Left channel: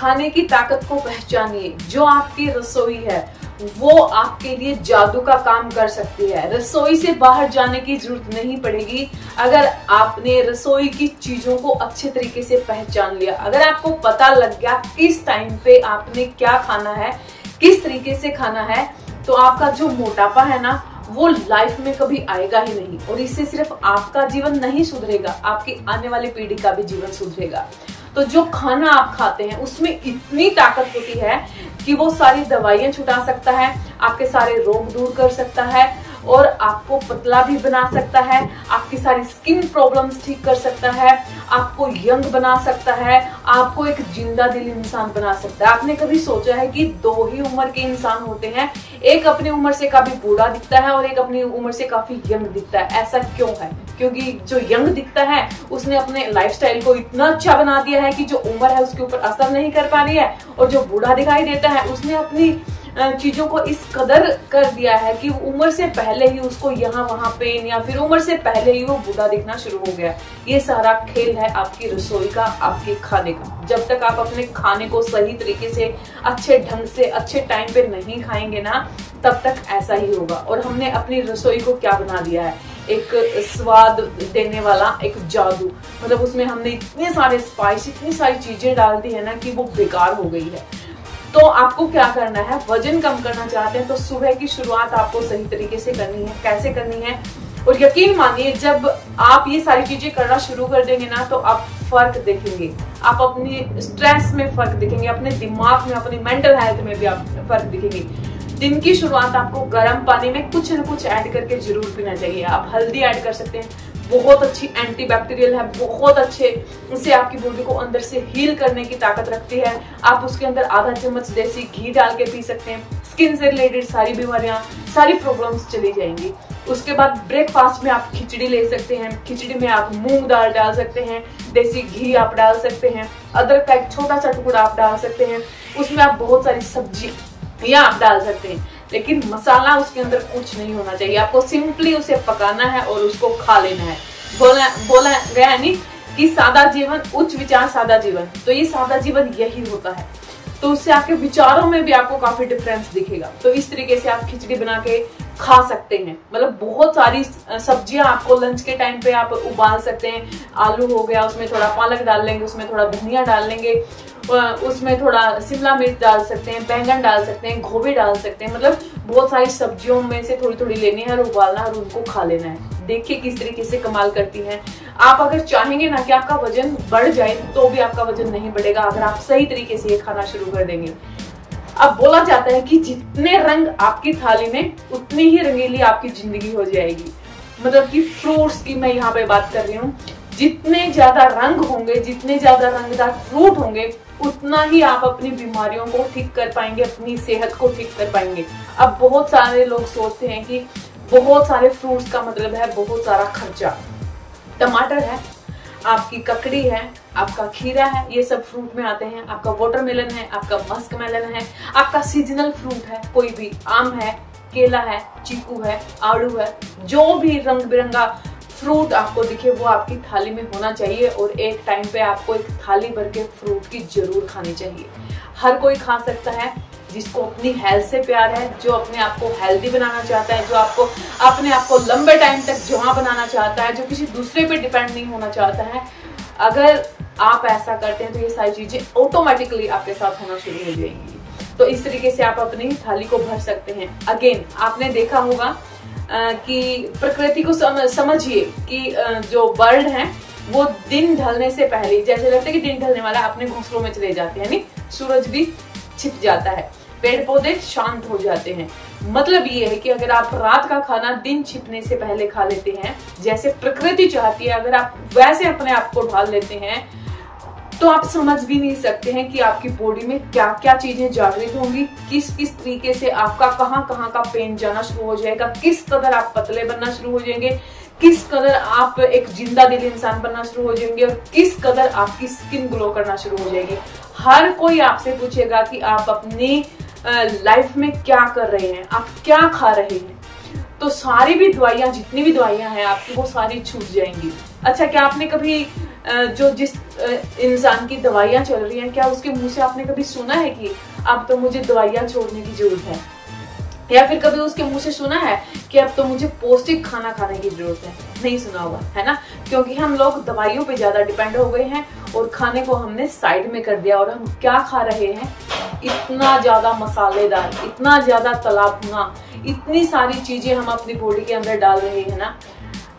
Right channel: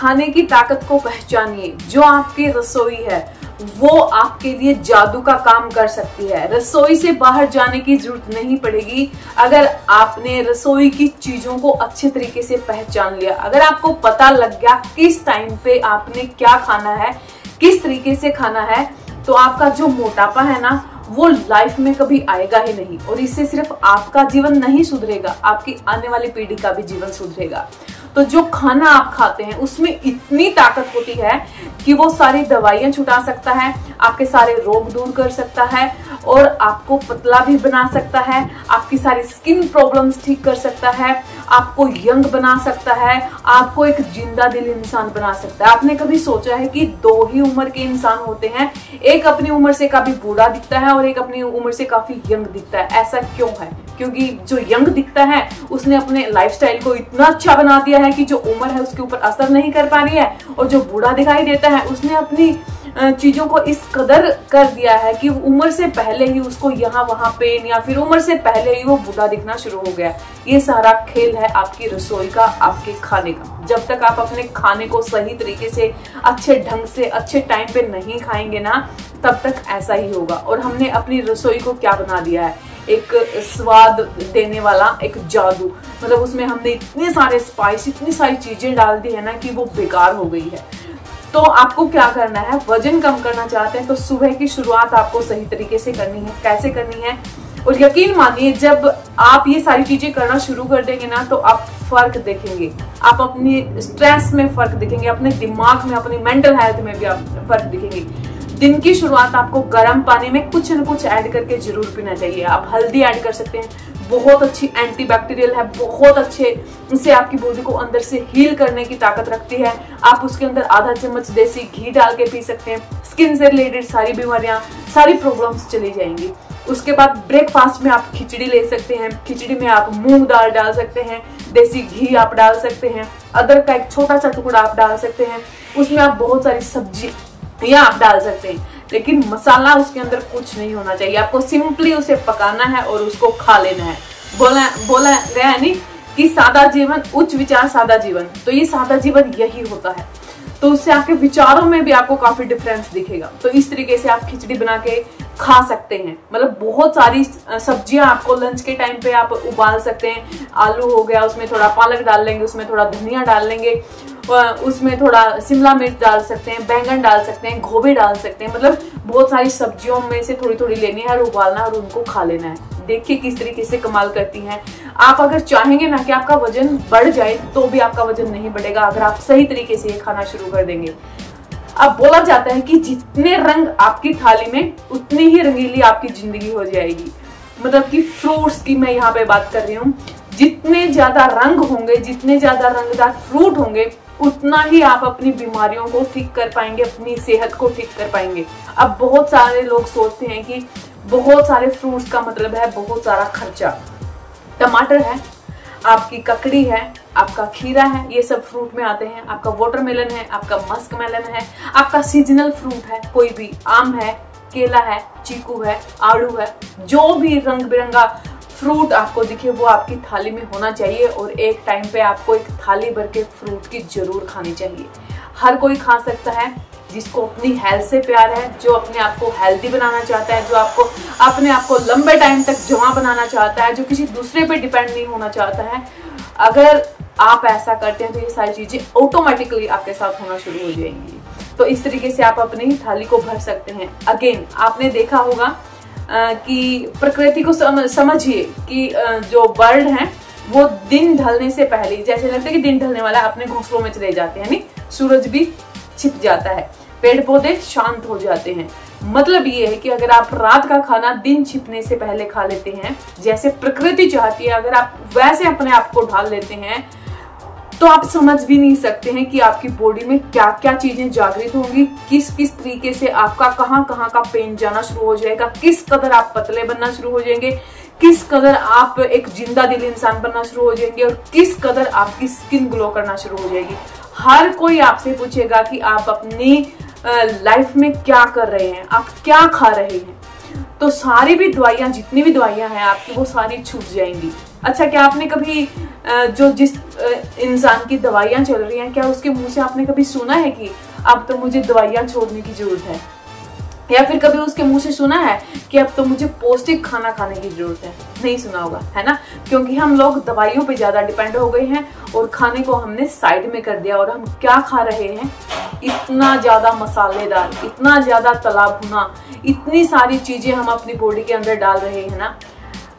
खाने की ताकत को पहचानिए। जो आपकी रसोई है वो आपके लिए जादू का काम कर सकती है। रसोई से बाहर जाने की जरूरत नहीं पड़ेगी अगर आपने रसोई की चीजों को अच्छे तरीके से पहचान लिया। अगर आपको पता लग गया किस टाइम पे आपने क्या खाना है, किस तरीके से खाना है, तो आपका जो मोटापा है ना वो लाइफ में कभी आएगा ही नहीं। और इससे सिर्फ आपका जीवन नहीं सुधरेगा, आपकी आने वाली पीढ़ी का भी जीवन सुधरेगा। तो जो खाना आप खाते हैं उसमें इतनी ताकत होती है कि वो सारी दवाइयां छुटा सकता है, आपके सारे रोग दूर कर सकता है और आपको पतला भी बना सकता है, आपकी सारी स्किन प्रॉब्लम्स ठीक कर सकता है, आपको यंग बना सकता है, आपको एक जिंदा दिल इंसान बना सकता है। आपने कभी सोचा है कि दो ही उम्र के इंसान होते हैं, एक अपनी उम्र से काफी बूढ़ा दिखता है और एक अपनी उम्र से काफी यंग दिखता है? ऐसा क्यों है? क्योंकि जो यंग दिखता है उसने अपने लाइफस्टाइल को इतना अच्छा बना दिया है कि जो उम्र है उसके ऊपर असर नहीं कर पा रही है, और जो बूढ़ा दिखाई देता है उसने अपनी चीजों को इस कदर कर दिया है कि उम्र से पहले ही उसको यहाँ वहां पेन, या फिर उम्र से पहले ही वो बूढ़ा दिखना शुरू हो गया। ये सारा खेल है आपकी रसोई का, आपके खाने का। जब तक आप अपने खाने को सही तरीके से, अच्छे ढंग से, अच्छे टाइम पे नहीं खाएंगे ना, तब तक ऐसा ही होगा। और हमने अपनी रसोई को क्या बना दिया है, एक स्वाद देने वाला एक जादू। मतलब उसमें हमने इतने सारे स्पाइस, इतनी सारी चीजें डाल दी है ना कि वो बेकार हो गई है। तो आपको क्या करना है, वजन कम करना चाहते हैं तो सुबह की शुरुआत आपको सही तरीके से करनी है। कैसे करनी है? और यकीन मानिए जब आप ये सारी चीजें करना शुरू कर देंगे ना तो आप फर्क देखेंगे। आप अपनी स्ट्रेस में फर्क देखेंगे, अपने दिमाग में, अपनी मेंटल हेल्थ में भी आप फर्क देखेंगे। दिन की शुरुआत आपको गर्म पानी में कुछ न कुछ ऐड करके जरूर पीना चाहिए। आप हल्दी ऐड कर सकते हैं, बहुत अच्छी एंटीबैक्टीरियल है, बहुत अच्छे, इससे आपकी बॉडी को अंदर से हील करने की ताकत रखती है। आप उसके अंदर आधा चम्मच देसी घी डाल के पी सकते हैं। स्किन से रिलेटेड सारी बीमारियां, सारी प्रॉब्लम्स चली जाएंगी। उसके बाद ब्रेकफास्ट में आप खिचड़ी ले सकते हैं। खिचड़ी में आप मूंग दाल डाल सकते हैं, देसी घी आप डाल सकते हैं, अदरक का एक छोटा सा टुकड़ा आप डाल सकते हैं। उसमें आप बहुत सारी सब्जी या आप डाल सकते हैं, लेकिन मसाला उसके अंदर कुछ नहीं होना चाहिए। आपको सिंपली उसे पकाना है और उसको खा लेना है। बोला गया है नहीं कि सादा जीवन उच्च विचार सादा जीवन, तो ये सादा जीवन यही होता है। तो उससे आपके विचारों में भी आपको काफी डिफरेंस दिखेगा। तो इस तरीके से आप खिचड़ी बना के खा सकते हैं। मतलब बहुत सारी सब्जियां आपको लंच के टाइम पे आप उबाल सकते हैं। आलू हो गया, उसमें थोड़ा पालक डाल लेंगे, उसमें थोड़ा धनिया डाल लेंगे, उसमें थोड़ा शिमला मिर्च डाल सकते हैं, बैंगन डाल सकते हैं, गोभी डाल सकते हैं। मतलब बहुत सारी सब्जियों में से थोड़ी थोड़ी लेनी है और उबालना और उनको खा लेना है। देखिए किस तरीके से कमाल करती हैं। आप अगर चाहेंगे ना कि आपका वजन बढ़ जाए तो भी आपका वजन नहीं बढ़ेगा अगर आप सही तरीके से ये खाना शुरू कर देंगे। अब बोला जाता है कि जितने रंग आपकी थाली में उतनी ही रंगीली आपकी जिंदगी हो जाएगी। मतलब कि फ्रूट्स की मैं यहाँ पे बात कर रही हूँ। जितने ज्यादा रंग होंगे, जितने ज्यादा रंगदार फ्रूट होंगे, उतना ही आप अपनी बीमारियों को ठीक कर पाएंगे, अपनी सेहत को ठीक कर पाएंगे। अब बहुत सारे लोग सोचते हैं कि बहुत सारे फ्रूट्स का मतलब है बहुत सारा खर्चा। टमाटर है, आपकी ककड़ी है, आपका खीरा है, ये सब फ्रूट में आते हैं। आपका वाटरमेलन है, आपका मस्क मेलन है, आपका सीजनल फ्रूट है, कोई भी आम है, केला है, चीकू है, आड़ू है, जो भी रंग बिरंगा फ्रूट आपको दिखे वो आपकी थाली में होना चाहिए। और एक टाइम पे आपको एक थाली भर के फ्रूट की जरूर खानी चाहिए। हर कोई खा सकता है जिसको अपनी हेल्थ से प्यार है, जो अपने आप को हेल्दी बनाना चाहता है, जो आपको अपने आप को लंबे टाइम तक जमा बनाना चाहता है, जो किसी दूसरे पे डिपेंड नहीं होना चाहता है। अगर आप ऐसा करते हैं तो ये सारी चीजें ऑटोमेटिकली आपके साथ होना शुरू हो जाएंगी। तो इस तरीके से आप अपनी थाली को भर सकते हैं। अगेन आपने देखा होगा कि प्रकृति को समझिए कि जो बर्ड है वो दिन ढलने से पहले, जैसे लगता है कि दिन ढलने वाला, अपने घोंसलों में चले जाते हैं, नहीं, सूरज भी छिप जाता है, पेड़ पौधे शांत हो जाते हैं। मतलब ये है कि अगर आप रात का खाना दिन छिपने से पहले खा लेते हैं, जैसे प्रकृति चाहती है, अगर आप वैसे अपने आप को ढाल लेते हैं, तो आप समझ भी नहीं सकते हैं कि आपकी बॉडी में क्या क्या चीजें जागृत होंगी, किस किस तरीके से आपका कहाँ कहाँ का पेन जाना शुरू हो जाएगा, किस कदर आप पतले बनना शुरू हो जाएंगे, किस कदर आप एक जिंदा दिल इंसान बनना शुरू हो जाएंगे, और किस कदर आपकी स्किन ग्लो करना शुरू हो जाएगी। हर कोई आपसे पूछेगा कि आप अपनी लाइफ में क्या कर रहे हैं, आप क्या खा रहे हैं। तो सारी भी दवाइयां, जितनी भी दवाइयां हैं आपकी, वो सारी छूट जाएंगी। अच्छा, क्या आपने कभी जो जिस इंसान की दवाइयां चल रही हैं, क्या उसके मुंह से आपने कभी सुना है कि अब तो मुझे दवाइयां छोड़ने की जरूरत है? या फिर कभी उसके मुंह से सुना है कि अब तो मुझे पौष्टिक खाना खाने की जरूरत है? नहीं सुना होगा, है ना? क्योंकि हम लोग दवाइयों पे ज्यादा डिपेंड हो गए हैं और खाने को हमने साइड में कर दिया। और हम क्या खा रहे हैं? इतना ज्यादा मसालेदार, इतना ज्यादा तला भुना, इतनी सारी चीजें हम अपनी बॉडी के अंदर डाल रहे हैं ना,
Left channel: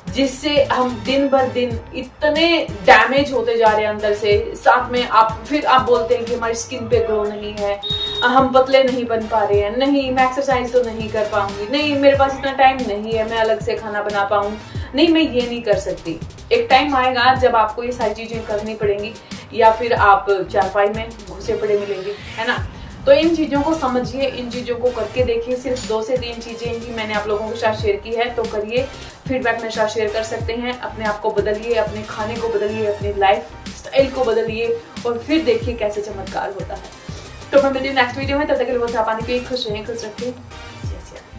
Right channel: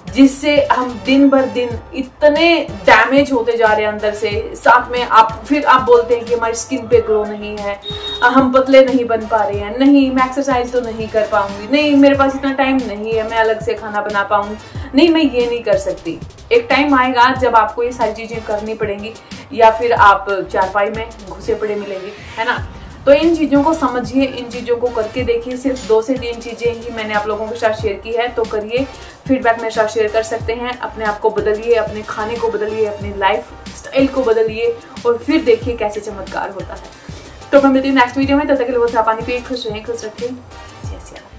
जिससे हम दिन भर दिन इतने डैमेज होते जा रहे हैं अंदर से। साथ में फिर आप बोलते हैं कि हमारी स्किन पे ग्लो नहीं है, हम पतले नहीं बन पा रहे हैं, नहीं मैं एक्सरसाइज तो नहीं कर पाऊंगी, नहीं मेरे पास इतना टाइम नहीं है मैं अलग से खाना बना पाऊं, नहीं मैं ये नहीं कर सकती। एक टाइम आएगा जब आपको ये सारी चीजें करनी पड़ेंगी, या फिर आप चारपाई में घुसे पड़े मिलेंगे, है ना? तो इन चीजों को समझिए, इन चीजों को करके देखिए। सिर्फ 2 से 3 चीजें ही मैंने आप लोगों के साथ शेयर की है, तो करिए, फीडबैक मेरे साथ शेयर कर सकते हैं। अपने आप को बदलिए, अपने खाने को बदलिए, अपनी लाइफ स्टाइल को बदलिए और फिर देखिए कैसे चमत्कार होता है। तो मैं मिलती हूँ नेक्स्ट वीडियो में। तब तक के लिए आप पानी पिए, खुश रहें, खुश रखें।